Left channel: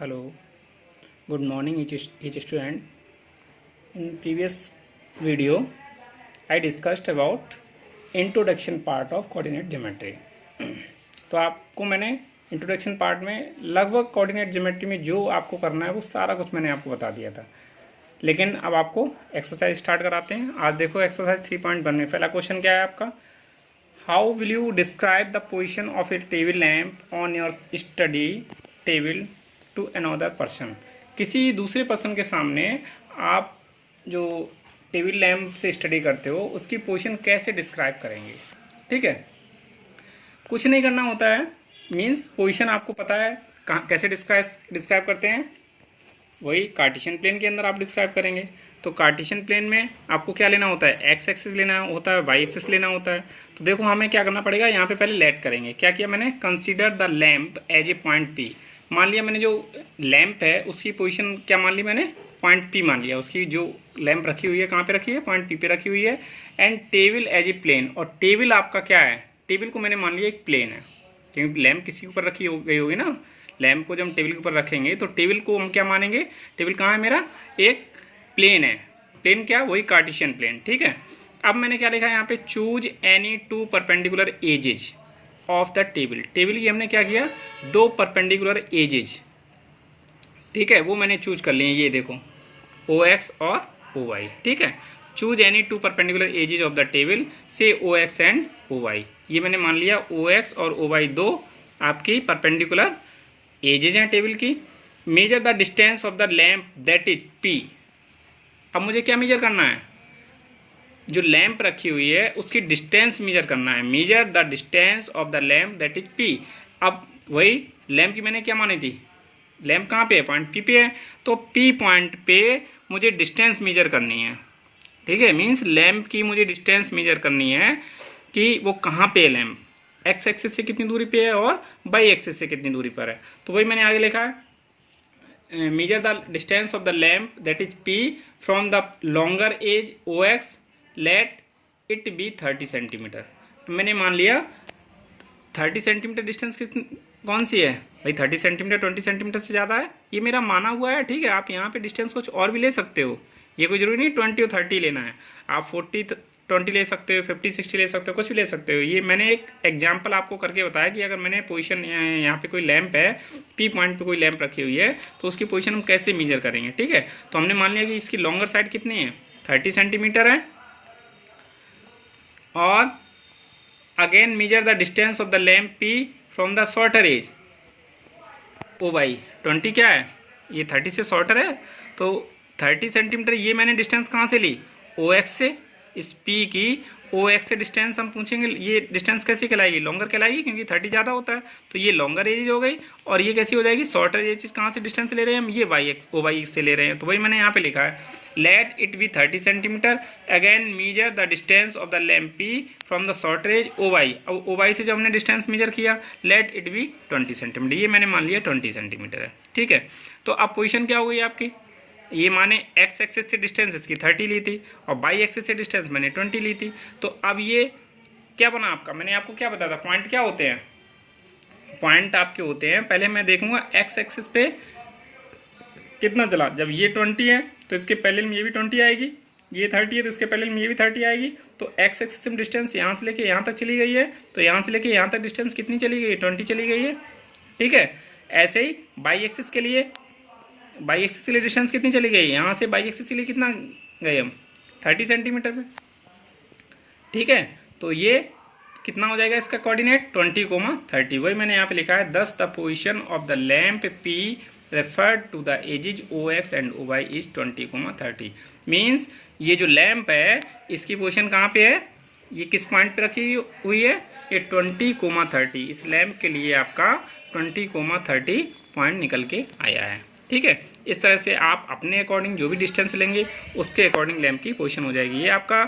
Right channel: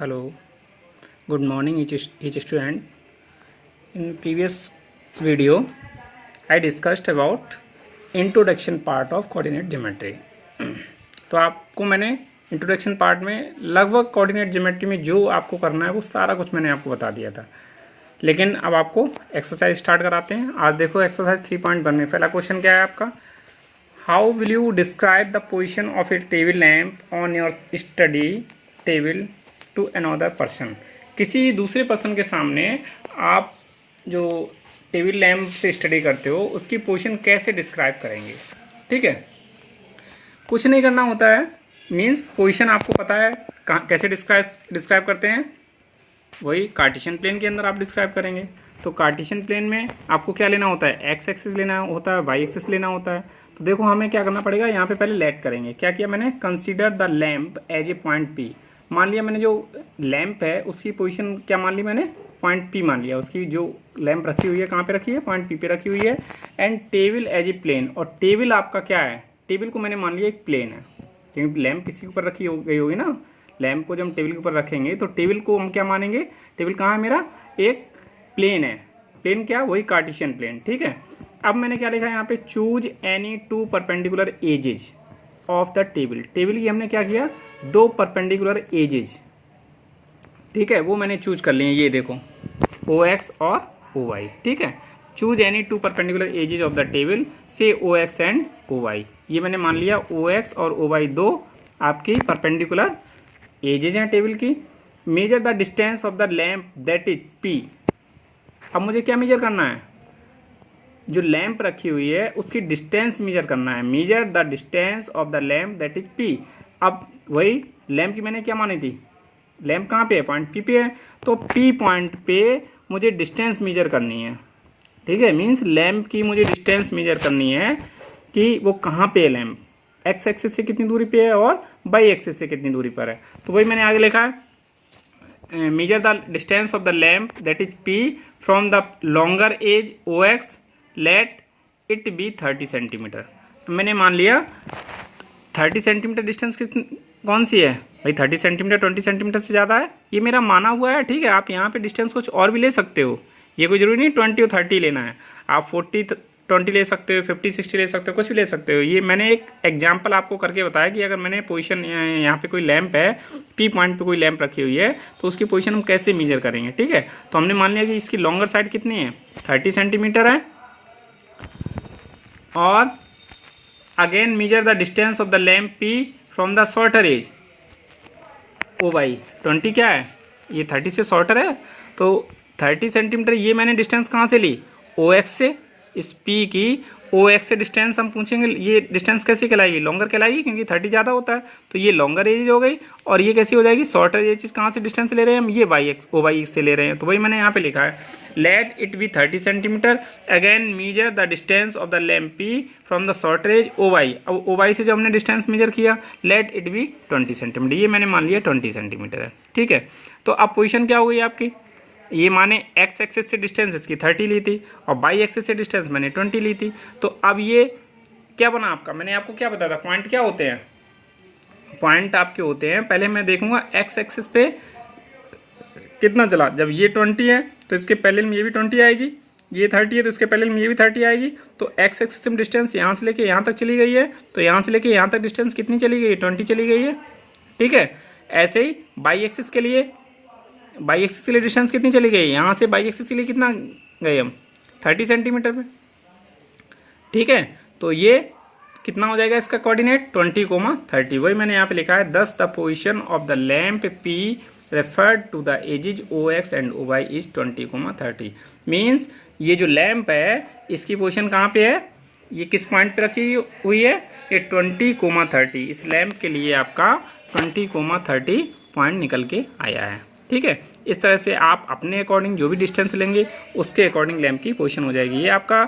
Hello, good morning each student. In previous video, I discussed about introduction part of coordinate geometry. तो आपको मैंने introduction part में लगभग coordinate geometry में जो आपको करना है वो सारा कुछ मैंने आपको बता दिया था। लेकिन अब आपको एक्सरसाइज स्टार्ट कराते हैं। आज देखो एक्सरसाइज 3.1 में पहला क्वेश्चन क्या है आपका, how will you describe the position of a table lamp on your study table to another person. किसी दूसरे पर्सन के सामने आप जो टेबल लैम्प से स्टडी करते हो उसकी पोजीशन कैसे डिस्क्राइब करेंगे। ठीक है, कुछ नहीं करना होता है, मींस पोजीशन आपको पता है कहाँ कैसे डिस्क्राइब करते हैं, वही कार्टेशियन प्लेन के अंदर आप डिस्क्राइब करेंगे। तो कार्टेशियन प्लेन में आपको क्या लेना होता है, एक्स एक्सिस लेना होता है, वाई एक्सिस लेना होता है। तो देखो हमें क्या करना पड़ेगा, यहाँ पे पहले लेट करेंगे। क्या किया मैंने, consider the lamp as a point P. मान लिया मैंने जो लैम्प है उसकी पोजीशन क्या मान ली मैंने, पॉइंट पी मान लिया। उसकी जो लैम्प रखी हुई है कहाँ पे रखी है, पॉइंट पी पे रखी हुई है। And table as a plane, और टेबल आपका क्या है, टेबल को मैंने मान लिया एक प्लेन है, क्योंकि लैम्प किसी के ऊपर रखी गई होगी ना। लैम्प को जब हम टेबल के ऊपर रखेंगे तो टेबल को हम क्या मानेंगे, टेबल कहाँ है मेरा, एक प्लेन है। प्लेन क्या, वही कार्टेशियन प्लेन। ठीक है, अब मैंने क्या लिखा है यहाँ पे, choose any two perpendicular edges of the table. Table की हमने क्या किया, दो परपेंडिकुलर एजेज, ठीक है, वो मैंने चूज कर लिए। ये देखो ओ एक्स और ओ वाई। ठीक है, choose any two perpendicular edges of the table से O X and O Y. ये मैंने मान लिया ओ एक्स और ओ वाई दो आपकी परपेंडिकुलर एजेज हैं टेबल की। Major the distance of the lamp that is P. अब मुझे क्या मेजर करना है, जो लैम्प रखी हुई है उसकी डिस्टेंस मेजर करना है। Measure the distance of the lamp that is P. अब वही लैम्प की मैंने क्या मानी थी, लैम्प कहाँ पे है, पॉइंट पी पे है। तो पी पॉइंट पे मुझे डिस्टेंस मेजर करनी है। ठीक है, मीन्स लैम्प की मुझे डिस्टेंस मेजर करनी है कि वो कहाँ पे है लैम्प, एक्स एक्सिस से कितनी दूरी पे है और वाई एक्सिस से कितनी दूरी पर है। तो वही मैंने आगे लिखा है, measure the distance of the lamp that is P from the longer edge O X, let it be 30 centimetre. मैंने मान लिया 30 सेंटीमीटर डिस्टेंस कौन सी है भाई, 30 सेंटीमीटर 20 सेंटीमीटर से ज़्यादा है, ये मेरा माना हुआ है। ठीक है, आप यहाँ पे डिस्टेंस कुछ और भी ले सकते हो, ये कोई जरूरी नहीं 20 और 30 लेना है। आप 40 20 ले सकते हो, 50 60 ले सकते हो, कुछ भी ले सकते हो। ये मैंने एक एग्जाम्पल आपको करके बताया कि अगर मैंने पोजीशन यहाँ पे कोई लैंप है, पी पॉइंट पे कोई लैंप रखी हुई है, तो उसकी पोजीशन हम कैसे मेजर करेंगे। ठीक है, तो हमने मान लिया कि इसकी लॉन्गर साइड कितनी है, 30 सेंटीमीटर है। और again measure the distance of the lamp P from the shorter edge O Y. 20 क्या है, ये 30 से शॉर्टर है, तो 30 सेंटीमीटर ये मैंने डिस्टेंस कहाँ से ली, ओ एक्स से। इस पी की ओ एक्स से डिस्टेंस हम पूछेंगे, ये डिस्टेंस कैसी कहलाएगी, लॉन्गर कहलाएगी, क्योंकि 30 ज़्यादा होता है। तो ये लॉन्गर एज हो गई, और ये कैसी हो जाएगी, शॉर्टर एज। कहाँ से डिस्टेंस ले रहे हैं हम, ये वाई एक्स ओ वाई से ले रहे हैं। तो वही मैंने यहाँ पे लिखा है, let it be 30 centimetre. Again measure the distance of the lamp P from the shorter edge O Y. अब ओ वाई से जब हमने डिस्टेंस मेजर किया, लेट इट बी 20 सेंटीमीटर। ये मैंने मान लिया 20 सेंटीमीटर है। ठीक है, तो अब पोजिशन क्या हो गई आपकी, ये माने एक्स एक्सिस से डिस्टेंस इसकी 30 ली थी और वाई एक्सिस से डिस्टेंस मैंने 20 ली थी। तो अब ये क्या बना आपका, मैंने आपको क्या बताया था, पॉइंट क्या होते हैं, पॉइंट आपके होते हैं, पहले मैं देखूंगा एक्स एक्सिस पे कितना चला। जब ये 20 है तो इसके पहले में ये भी 20 आएगी, ये 30 है तो इसके पहले में ये भी 30 आएगी। तो एक्स एक्सिस में डिस्टेंस यहाँ से लेके यहाँ तक चली गई है, तो यहाँ से लेके यहाँ तक डिस्टेंस कितनी चली गई है, 20 चली गई है। ठीक है, ऐसे ही वाई एक्सिस के लिए, वाई एक्सिस के लिए डिस्टेंस कितनी चली गई, यहाँ से वाई एक्सिस के लिए कितना गए हम, 30 सेंटीमीटर पे। ठीक है, तो ये कितना हो जाएगा इसका कोऑर्डिनेट, 20,30। वही मैंने यहाँ पे लिखा है, thus the position of the lamp P referred to the edges O X and O Y is 20,30। Means ये जो लैम्प है इसकी पोजीशन कहाँ पे है, ये किस पॉइंट पे रखी हुई है, ये 20,30। इस लैम्प के लिए आपका 20,30 पॉइंट निकल के आया है। ठीक है, इस तरह से आप अपने अकॉर्डिंग जो भी डिस्टेंस लेंगे उसके अकॉर्डिंग लैम्प की पोजीशन हो जाएगी। ये आपका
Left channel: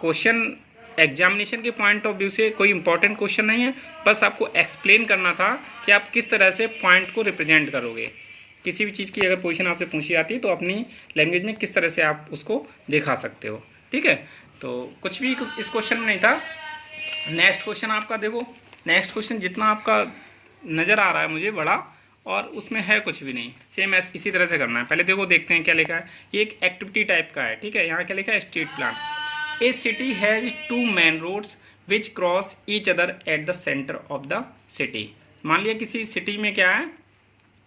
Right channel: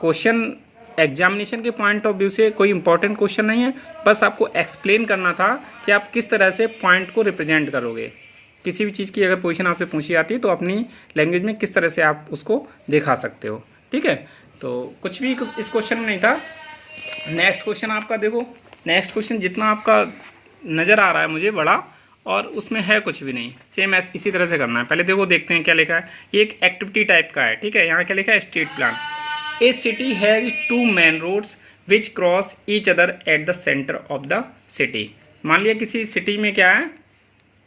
क्वेश्चन एग्जामिनेशन के पॉइंट ऑफ व्यू से कोई इंपॉर्टेंट क्वेश्चन नहीं है, बस आपको एक्सप्लेन करना था कि आप किस तरह से पॉइंट को रिप्रेजेंट करोगे। किसी भी चीज़ की अगर पोजीशन आपसे पूछी जाती है तो अपनी लैंग्वेज में किस तरह से आप उसको दिखा सकते हो। ठीक है, तो कुछ भी इस क्वेश्चन में नहीं था। नेक्स्ट क्वेश्चन आपका देखो, नेक्स्ट क्वेश्चन जितना आपका नज़र आ रहा है मुझे बड़ा, और उसमें है कुछ भी नहीं, सेम ऐसे इसी तरह से करना है। पहले देखो देखते हैं क्या लिखा है। ये एक एक्टिविटी टाइप का है, ठीक है। यहाँ क्या लिखा है, street plan. A city has 2 main roads which cross each other at the centre of the city. मान लिया किसी सिटी में क्या है,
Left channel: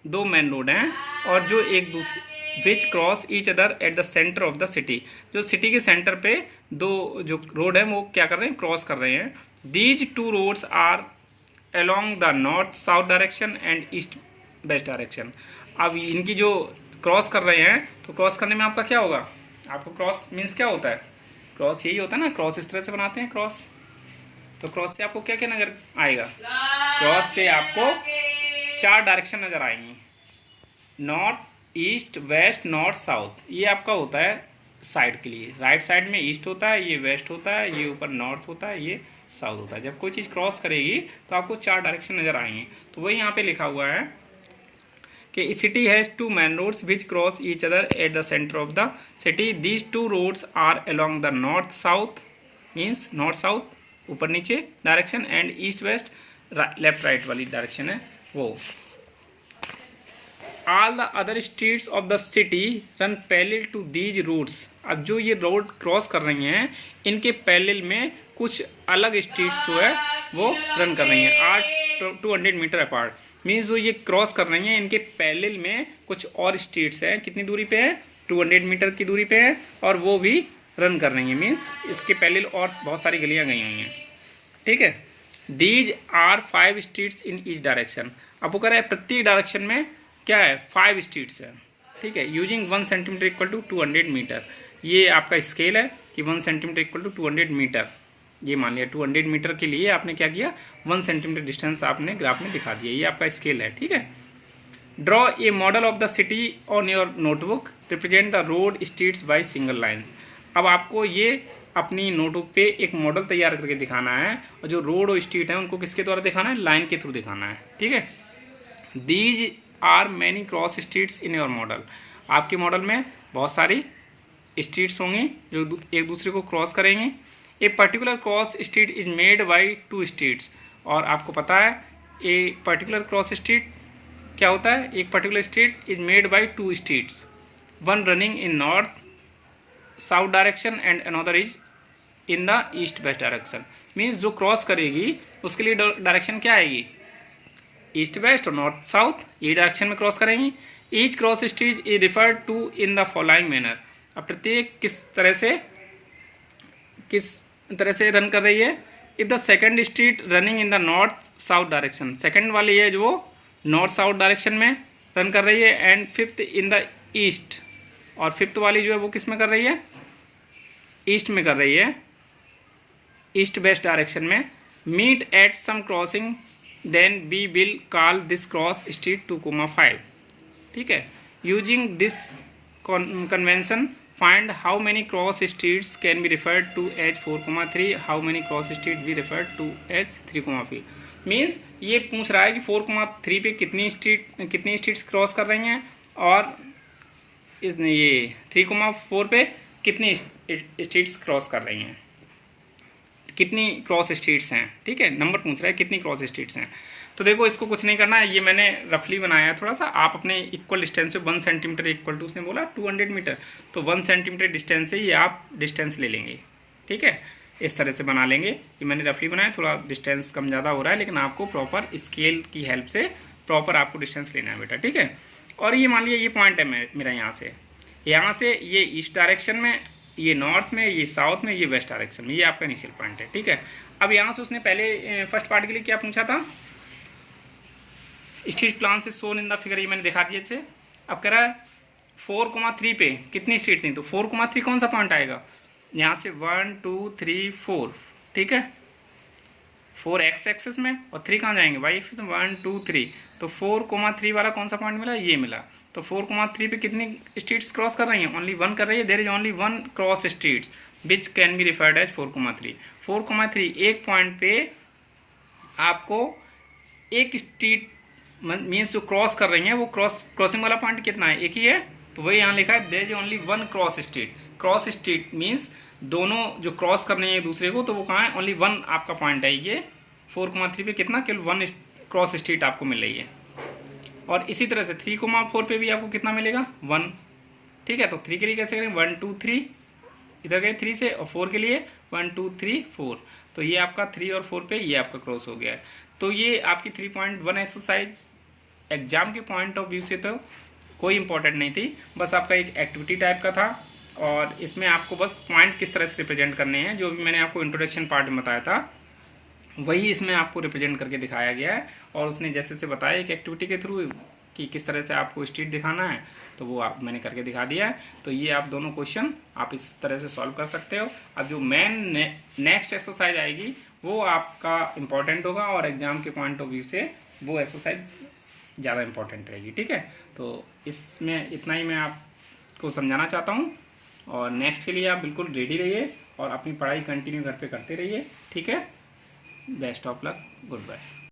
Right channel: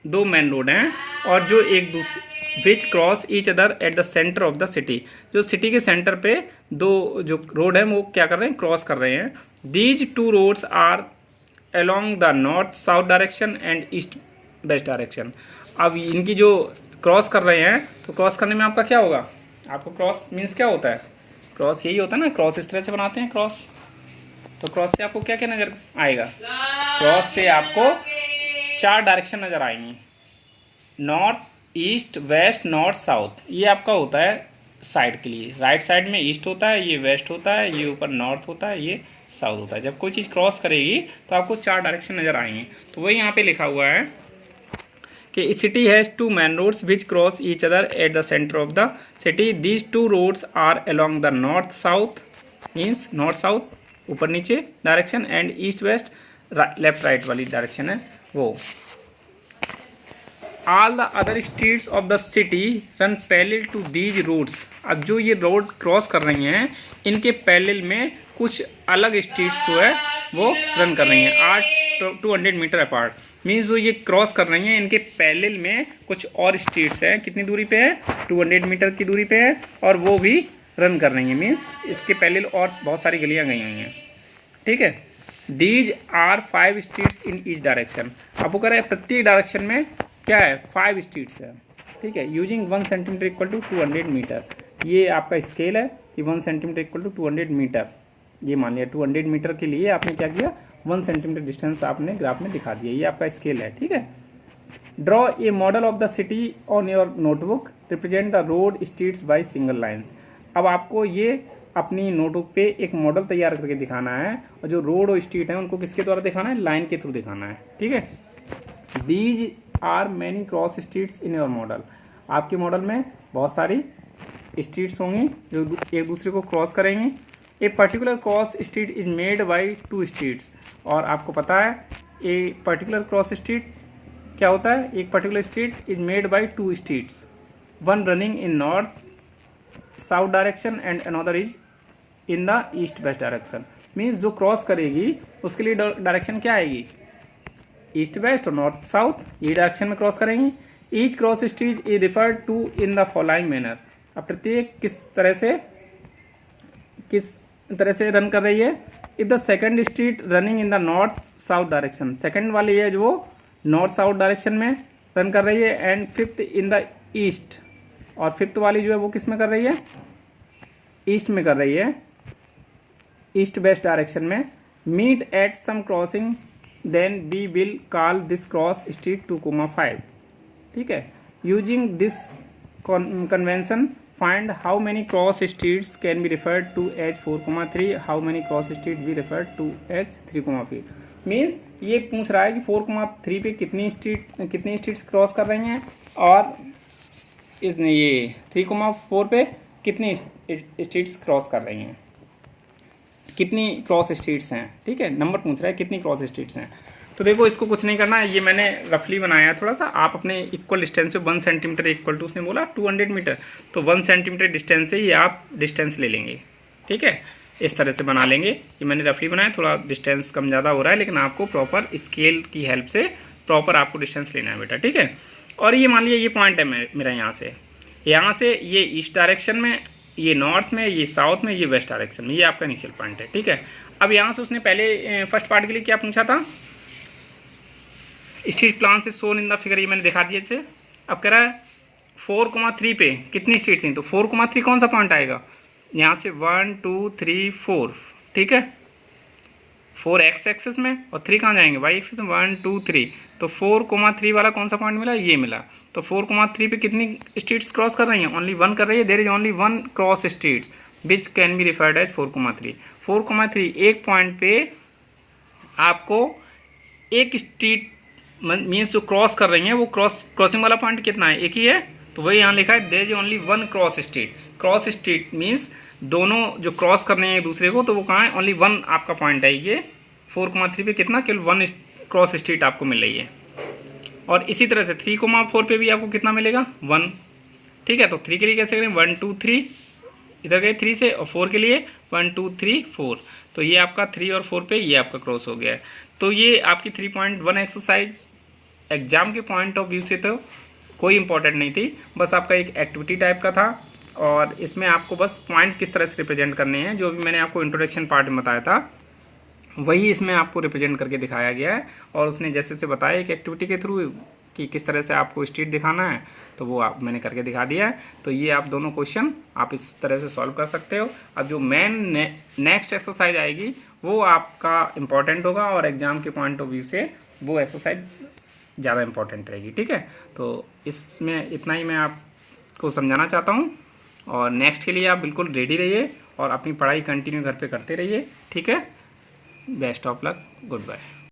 2 मेन रोड हैं और जो एक दूसरे विच cross each other at the centre of the city, जो सिटी के सेंटर पे 2 जो रोड है वो क्या कर रहे हैं, क्रॉस कर रहे हैं। These 2 roads are along the north south direction and east west direction. अब इनकी जो क्रॉस कर रहे हैं, तो क्रॉस करने में आपका क्या होगा, आपको क्रॉस मीन्स क्या होता है, क्रॉस यही होता है ना, क्रॉस इस तरह से बनाते हैं क्रॉस। तो क्रॉस से आपको क्या क्या नज़र आएगा, क्रॉस से आपको 4 डायरेक्शन नज़र आएंगी, north east west north south. ये आपका होता है साइड के लिए, राइट साइड में ईस्ट होता है, ये वेस्ट होता है, ये ऊपर नॉर्थ होता है, ये साउथ होता है। जब कोई चीज़ क्रॉस करेगी तो आपको 4 डायरेक्शन नज़र आएंगे। तो वही यहाँ पे लिखा हुआ है कि city has 2 main roads which cross each other at the centre of the city. These 2 roads are along the north south means north south ऊपर नीचे direction and east west left right वाली डायरेक्शन है वो। All the other streets of the city run parallel to these roads. अब जो ये road cross कर रही हैं इनके पैरेलल में कुछ अलग स्ट्रीट्स जो है वो रन कर रही हैं, आर 200 मीटर अपार्ट। मीन्स जो ये क्रॉस कर रही हैं इनके पैरेलल में कुछ और स्ट्रीट्स हैं, कितनी दूरी पे है, 200 मीटर की दूरी पे है, और वो भी रन कर रही हैं। मीन्स इसके पैरेलल और बहुत सारी गलियां गई हुई हैं, ठीक है। These are 5 streets in each direction. अब वो कह रहा है प्रत्येक डायरेक्शन में क्या है, 5 स्ट्रीट्स है, ठीक है। Using 1 centimetre equal to 200 metre. ये आपका स्केल है कि 1 सेंटीमीटर इक्वल टू 200 मीटर। ये मान लिया 200 मीटर के लिए आपने क्या किया, 1 सेंटीमीटर डिस्टेंस आपने ग्राफ में दिखा दिया। ये आपका स्केल है, ठीक है। Draw a model of the city on your notebook, represent the road streets by single lines. अब आपको ये अपनी नोटबुक पे एक मॉडल तैयार करके दिखाना है, और जो रोड और स्ट्रीट है उनको किसके द्वारा दिखाना है, लाइन के थ्रू दिखाना है, ठीक है। These are many cross streets in your model. आपके मॉडल में बहुत सारी स्ट्रीट्स होंगी जो एक दूसरे को क्रॉस करेंगे। A particular cross street is made by 2 streets. और आपको पता है ए पर्टिकुलर क्रॉस स्ट्रीट क्या होता है, एक particular street is made by 2 streets, one running in north south direction and another is in the east west direction. Means जो cross करेगी उसके लिए डायरेक्शन क्या आएगी, ईस्ट वेस्ट और नॉर्थ साउथ, ये डायरेक्शन में क्रॉस करेंगी। Each cross street is referred to in the following manner. अब प्रत्येक किस तरह से रन कर रही है। If the second street running in the north south direction, second वाली है जो नॉर्थ साउथ डायरेक्शन में रन कर रही है, and 5th in the east, और 5th वाली जो है वो किस में कर रही है, ईस्ट में कर रही है, ईस्ट वेस्ट डायरेक्शन में। Meet at some crossing then we will call this cross street 2,5, ठीक है। Using this convention find how many cross streets can be referred to as 4,3, how many cross street be referred to as 3,5। Means ये पूछ रहा है कि 4,3 पे कितनी streets cross कर रही हैं, और इस ये 3,4 पे कितनी स्ट्रीट्स क्रॉस कर रही हैं, कितनी क्रॉस स्ट्रीट्स हैं, ठीक है। नंबर पूछ रहा है कितनी क्रॉस स्ट्रीट्स हैं। तो देखो इसको कुछ नहीं करना है, ये मैंने रफली बनाया है थोड़ा सा। आप अपने इक्वल डिस्टेंस से 1 सेंटीमीटर इक्वल टू, उसने बोला 200 मीटर, तो 1 सेंटीमीटर डिस्टेंस से ही आप डिस्टेंस ले लेंगे, ठीक है। इस तरह से बना लेंगे। ये मैंने रफली बनाया, थोड़ा डिस्टेंस कम ज़्यादा हो रहा है, लेकिन आपको प्रॉपर स्केल की हेल्प से प्रॉपर आपको डिस्टेंस लेना है बेटा, ठीक है। और ये मान लिया ये पॉइंट है मेरा यहाँ से ये ईस्ट डायरेक्शन में, ये नॉर्थ में, ये साउथ में, ये वेस्ट डायरेक्शन में, ये आपका इनिशियल पॉइंट है, ठीक है। अब यहाँ से उसने पहले फर्स्ट पार्ट के लिए क्या पूछा था, स्ट्रीट प्लान से शोन इन द फिगर, ये मैंने दिखा दिए थे। अब कह रहा है 4,3 पे कितनी स्ट्रीट थी, तो 4,3 कौन सा पॉइंट आएगा, यहाँ से 1 2 3 4, ठीक है। 4 एक्स एक्सेस में और 3 कहाँ जाएंगे, वाई एक्सेस में, 1 2 3, तो 4,3 वाला कौन सा पॉइंट मिला, ये मिला। तो 4,3 पे कितनी स्ट्रीट्स क्रॉस कर रही हैं, ओनली 1 कर रही है। There is only 1 cross streets which can be referred as 4,3। 4,3 एक पॉइंट पे आपको एक स्ट्रीट मीन्स जो क्रॉस कर रही हैं वो क्रॉसिंग वाला पॉइंट कितना है, एक ही है, तो वही यहाँ लिखा है, there is only 1 cross street. Cross street means दोनों जो क्रॉस कर रहे हैं एक दूसरे को, तो वो कहाँ है, ओनली 1 आपका पॉइंट है। ये 4,3 पे कितना, केवल 1 क्रॉस स्ट्रीट आपको मिल रही है। और इसी तरह से 3,4 पे भी आपको कितना मिलेगा 1। ठीक है, तो 3 के लिए कैसे करें 1 2 3 इधर गए 3 से, और 4 के लिए 1 2 3 4। तो ये आपका 3 और 4 पे ये आपका क्रॉस हो गया है। तो ये आपकी 3.1 एक्सरसाइज एग्जाम के पॉइंट ऑफ व्यू से तो कोई इंपॉर्टेंट नहीं थी, बस आपका एक एक्टिविटी टाइप का था। और इसमें आपको बस पॉइंट किस तरह से रिप्रेजेंट करने हैं, जो भी मैंने आपको इंट्रोडक्शन पार्ट में बताया था वही इसमें आपको रिप्रेजेंट करके दिखाया गया है। और उसने जैसे से बताया एक एक्टिविटी के थ्रू कि किस तरह से आपको स्ट्रीट दिखाना है, तो वो आप मैंने करके दिखा दिया है। तो ये आप दोनों क्वेश्चन आप इस तरह से सॉल्व कर सकते हो। अब जो मेन नेक्स्ट एक्सरसाइज आएगी वो आपका इम्पॉर्टेंट होगा, और एग्जाम के पॉइंट ऑफ व्यू से वो एक्सरसाइज ज़्यादा इम्पॉर्टेंट रहेगी। ठीक है, तो इसमें इतना ही मैं आपको समझाना चाहता हूँ। और नेक्स्ट के लिए आप बिल्कुल रेडी रहिए और अपनी पढ़ाई कंटिन्यू घर पे करते रहिए। ठीक है, best of luck, good bye.